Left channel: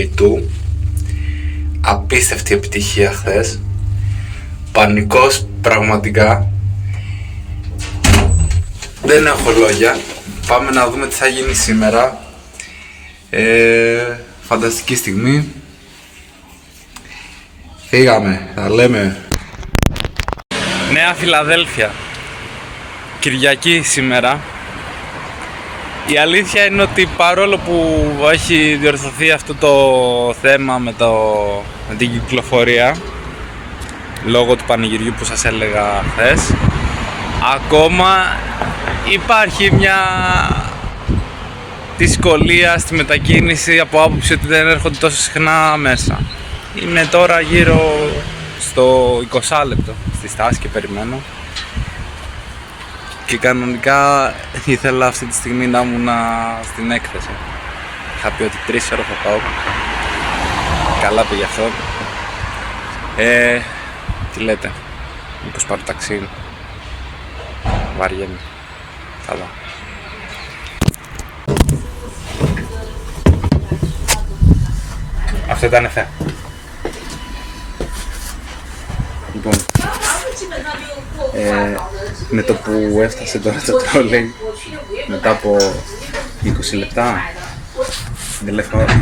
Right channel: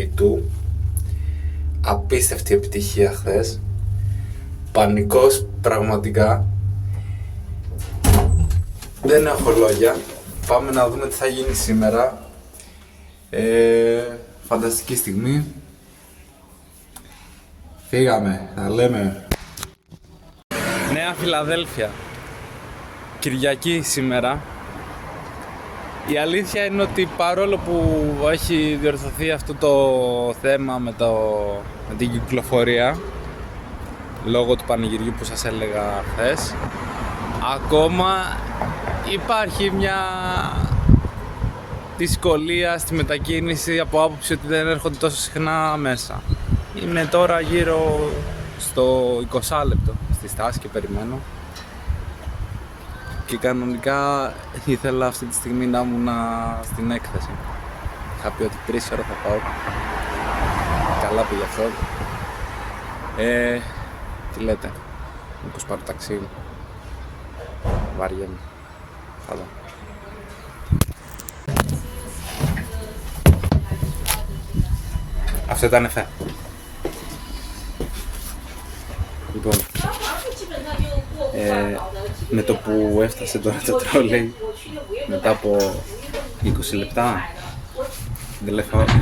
του. Απίστευτη επιτυχία χθες. Πανικός πραγματικά. Δεν έχω λόγια. Πάμε να δούμε τι θα γίνει σήμερα. Φανταστική στιγμή. Φύγαμε, τα λέμε. Νέα Φιλαδέλφια. Κυριακή σήμερα. Η αλήθεια είναι ότι παρόλο που έχει διορθωθεί αυτό το θέμα με την κυκλοφορία λόγω του πανηγυριού που σας έλεγα χθες, ακόμα υπάρχει μια δυσκολία στη μετακίνηση από άποψη ότι δεν έρχονται τόσο συχνά μέσα. Είναι τώρα γύρω στο 20 λεπτό στη στάση και περιμένω. Και κανονικά ήθελα αυτή τη στιγμή να ήμουν στην έκθεση. Είχα πει ότι 3 ώρες θα πάω. Καλά πήγε αυτό. Τι λέτε, μήπως πάρω ταξί? Βαριέμαι. Καλά. Αυτό ήταν εφέ. Λοιπόν, με το που έφτασε τώρα το τρόλεϊ μετά από 20 λεπτά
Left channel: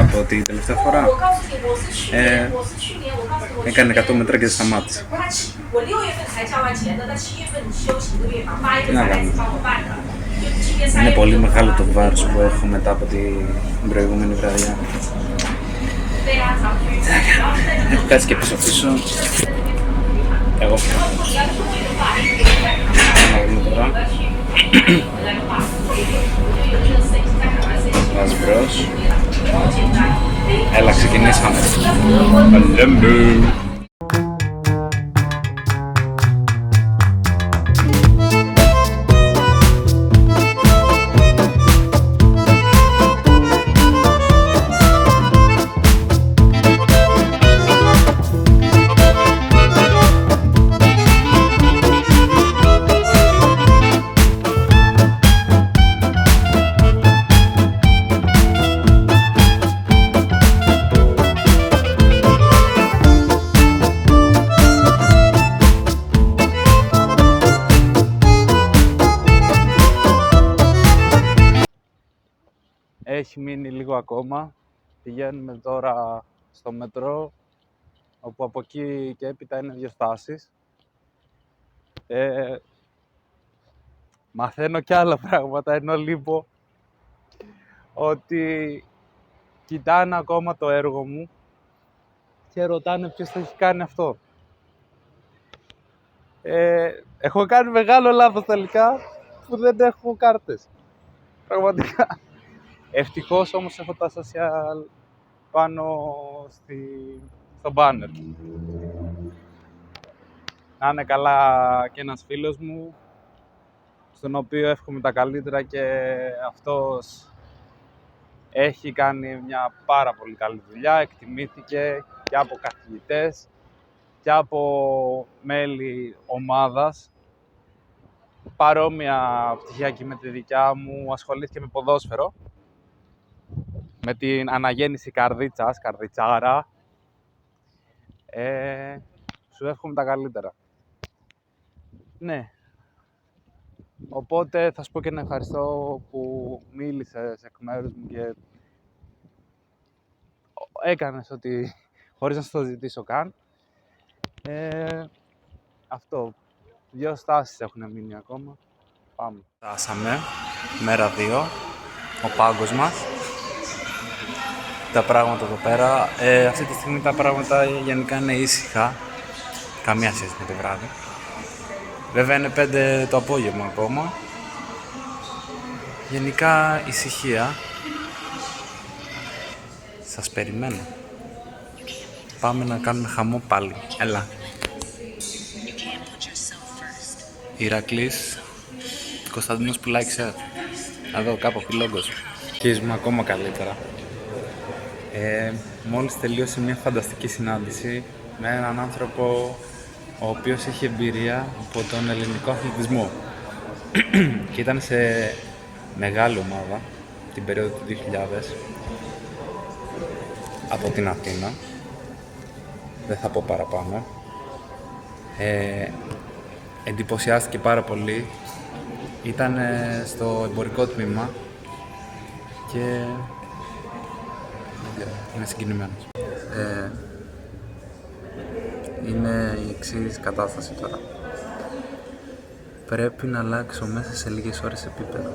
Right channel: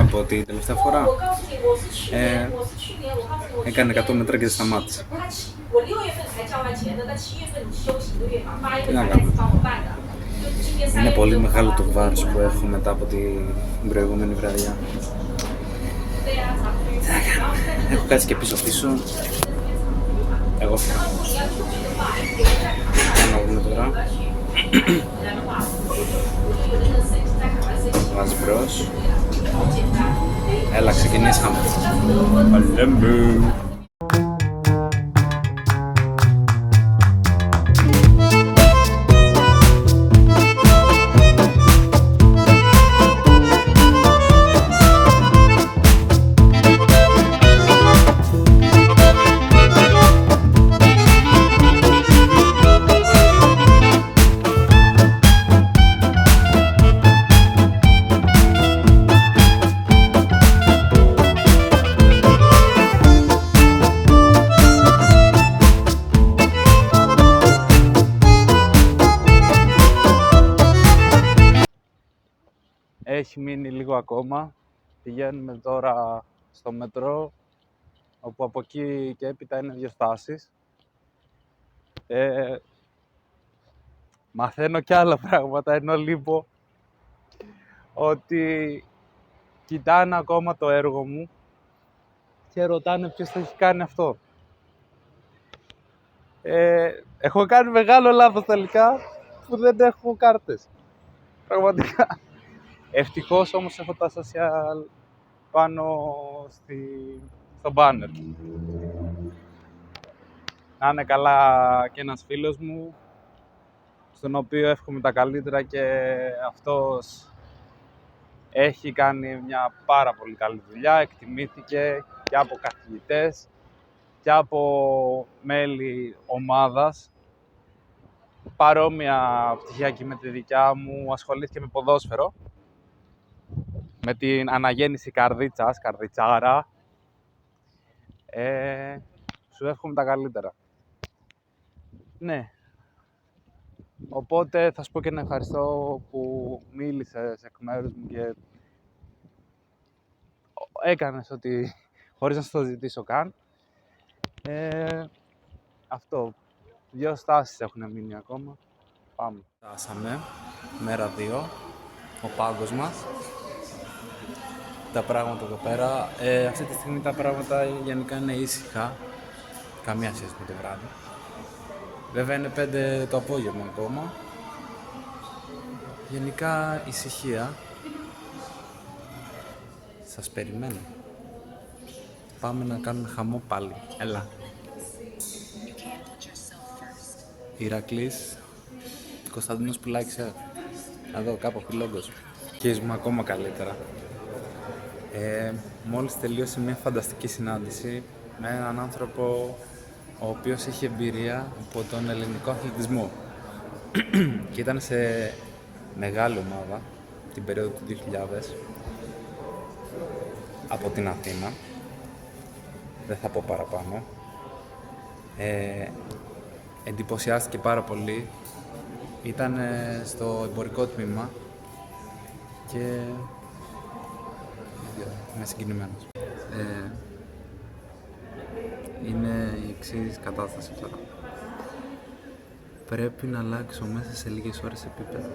από την τελευταία φορά έκανε 100 μέτρα και δεν σταμάτησε. Τι να κάνουμε. Είναι πολύ μεγάλο το βάρος που έχω μετά από την προηγούμενη βραδιά. Έχω κάτσει και πίσω. Εγώ φύγω. Τώρα. Βάζ μπρος. Έλα, ξεκινήσαμε. Έχει μείνει λίγο ακόμα. Πηγαίνουμε τώρα στο μετρό, όπου από εκεί και έπειτα είναι 2 στάσεις. Μαθαίνω κι άλλα πράγματα, ενώ λείπω ότι κοιτάνε ακόμα το έργο μου και ρωτάνε ποιος το έχει κάνει αυτό. Έχω κάνει μεγάλο λάθος τελικά που δεν έχω κάρτες. Πραγματικά. Ευτυχώς όμως έχω τα social πάνω στο banner. Να είναι καλά και ένας φίλος μου, στον οποίο εύχομαι τα καλύτερα, και αυτός έχει κάνει μια πάρα πολύ καλή δουλειά. Εκτιμήθηκε και από καθηγητές και από μέλη ομάδας. Παρόμοια πτυχιακή με τη δικιά μου, ασχολήθηκε με ποδόσφαιρο. Με την αναγέννηση καρδιτσάρα. Σου εύχομαι τα καλύτερα. Ναι. Οπότε θα σου πω και ένα ευχαριστώ που μίλησες εκ μέρους μου και έκανες ότι χωρίς να σου το ζητήσω καν. Αυτό. 2 στάσεις έχουν μείνει ακόμα. Πάμε. Φτάσαμε. Μέρα 2. Ο πάγκος μας. Τα πράγματα εδώ πέρα. Αυτή τη στιγμή τα πράγματα γενικά είναι ήσυχα. Καμία σχέση με το βράδυ. Βέβαια είναι 5 το απόγευμα ακόμα. Γενικά ησυχία. Σας περιμένω. Πάμε να κάνουμε χαμό πάλι. Έλα. Ηρακλής, Κωνσταντίνος Πουλάκης. Εδώ κάπου λόγος. Αρχίζουμε ακόμα καλύτερα. Μόλις τελείωσε μια φανταστική συνάντηση με έναν άνθρωπο ο οποίος έχει εμπειρία από τον ελληνικό αθλητισμό και ήταν σε μεγάλη ομάδα την περίοδο του 2000 από την Αθήνα. Δεν θα πω παραπάνω. Εντυπωσιάστηκε πάρα πολύ. Ήταν στο εμπορικό τμήμα και είναι συγκινημένος. Είναι η εξής κατάσταση τώρα. Πρέπει να αλλάξω μέσα σε λίγες ώρες επίπεδο.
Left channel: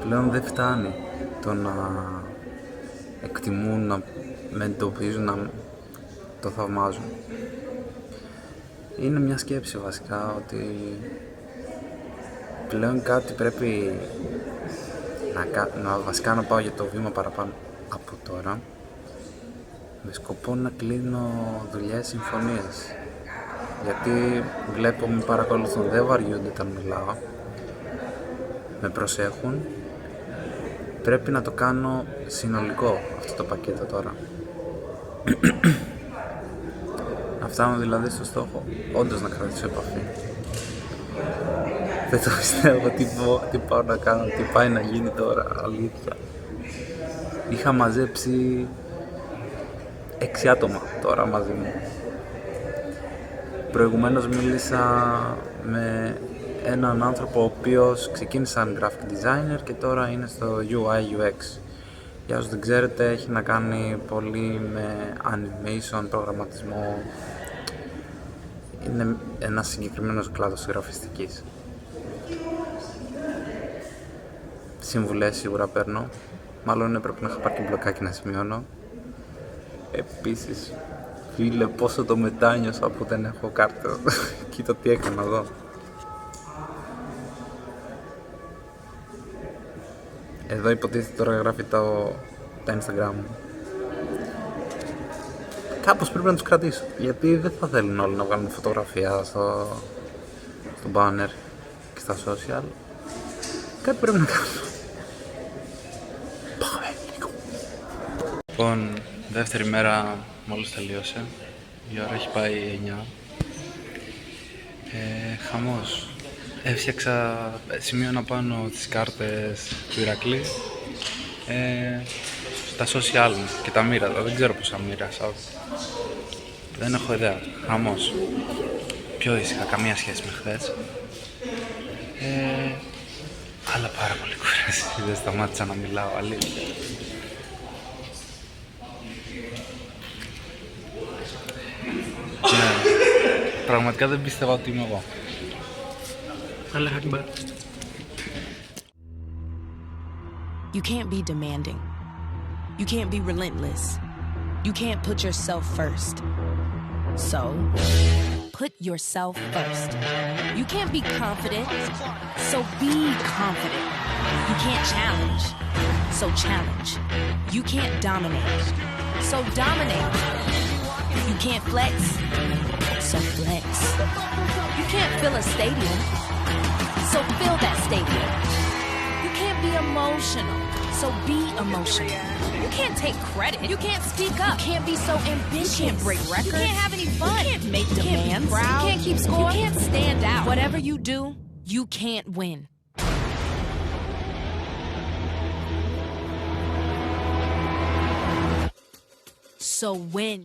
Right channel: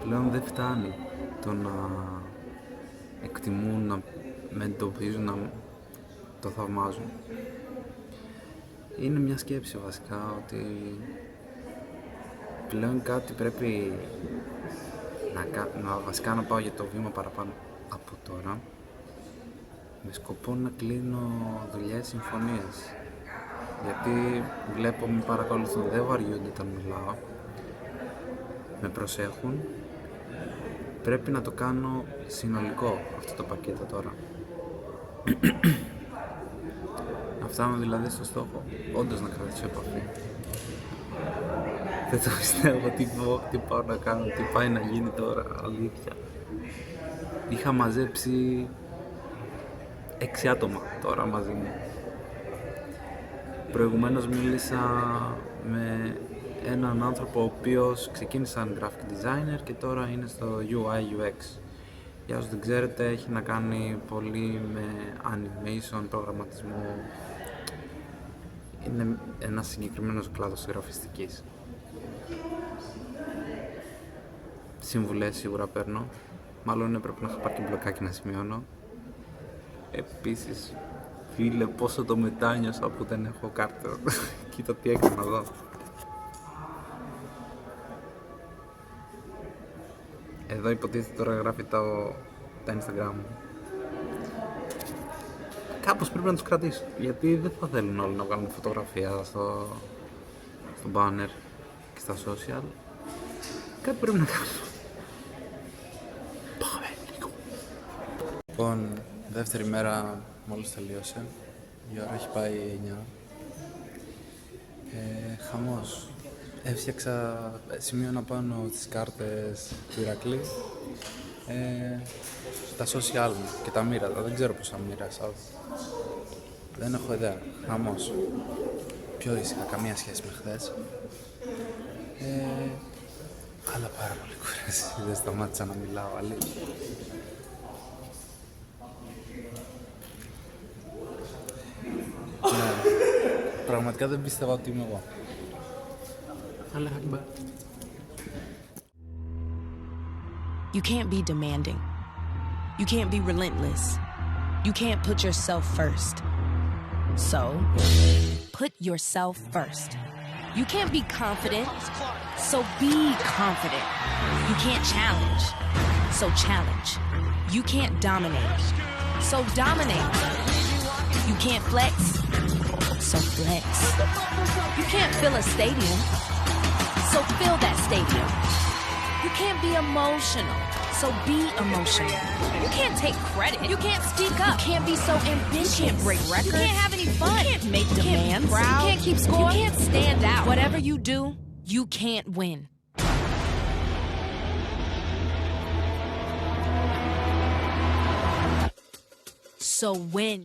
Πλέον δεν φτάνει το να εκτιμούν, να με εντοπίζουν, να το θαυμάζουν. Είναι μια σκέψη βασικά ότι πλέον κάτι πρέπει βασικά να πάω για το βήμα παραπάνω από τώρα, με σκοπό να κλείνω δουλειές, συμφωνίες. Γιατί βλέπω, με παρακολουθούν, δεν βαριούνται όταν μιλάω, με προσέχουν. Πρέπει να το κάνω συνολικό αυτό το πακέτο τώρα. Να φτάνω δηλαδή στο στόχο, όντως να κρατήσω επαφή. Δεν το πιστεύω τι πάω να κάνω, τι πάει να γίνει τώρα, αλήθεια. Είχα μαζέψει 6 άτομα τώρα μαζί μου. Προηγουμένως μίλησα με έναν άνθρωπο ο οποίος ξεκίνησε σαν graphic designer και τώρα είναι στο UI UX. Για όσους δεν ξέρετε, έχει να κάνει πολύ με animation, προγραμματισμό. Είναι ένας συγκεκριμένος κλάδος γραφιστικής. Συμβουλές σίγουρα παίρνω. Μάλλον έπρεπε να είχα πάρει και μπλοκάκι να σημειώνω. Επίσης, φίλε, πόσο το μετάνιωσα που δεν έχω κάρτα. Κοίτα τι έκανα εδώ. Εδώ υποτίθεται τώρα γράφει τα Instagram μου. Κάπως πρέπει να τους κρατήσω, γιατί δεν θα θέλουν όλοι να βγάλουν φωτογραφία στο banner και στα social. Κάτι πρέπει να κάνω. Πάμε λίγο. Λοιπόν, δεύτερη μέρα μόλις τελείωσε. Η ώρα έχει πάει 9. Χαμός. Έφτιαξα σημείωνα πάνω τις κάρτες του Ηρακλή στα social μου και τα μοίραζα. Δεν ξέρω πόσα μοίρασα. Δεν έχω ιδέα. Χαμός. Πιο ήσυχα, καμία σχέση με χθες. Αλλά πάρα πολύ κουράση. Δεν σταμάτησα να μιλάω, αλήθεια. Και πραγματικά δεν πίστευα ότι είμαι εγώ. Allah Akbar. You can't be demanding. You can't be relentless. You can't put yourself first. So, put yourself first. You can't be confident. So be confident. You can't challenge. So challenge. You can't dominate. So dominate. You can't flex. So flex. You can't fill a stadium. So fill that stadium. You can't be emotional. So be emotional. You can't take credit. You can't speak up. You can't be so ambitious. You can't break records. You can't have any fun. You can't make demands. You can't keep score. You can't stand out. Whatever you do, you can't win. So win.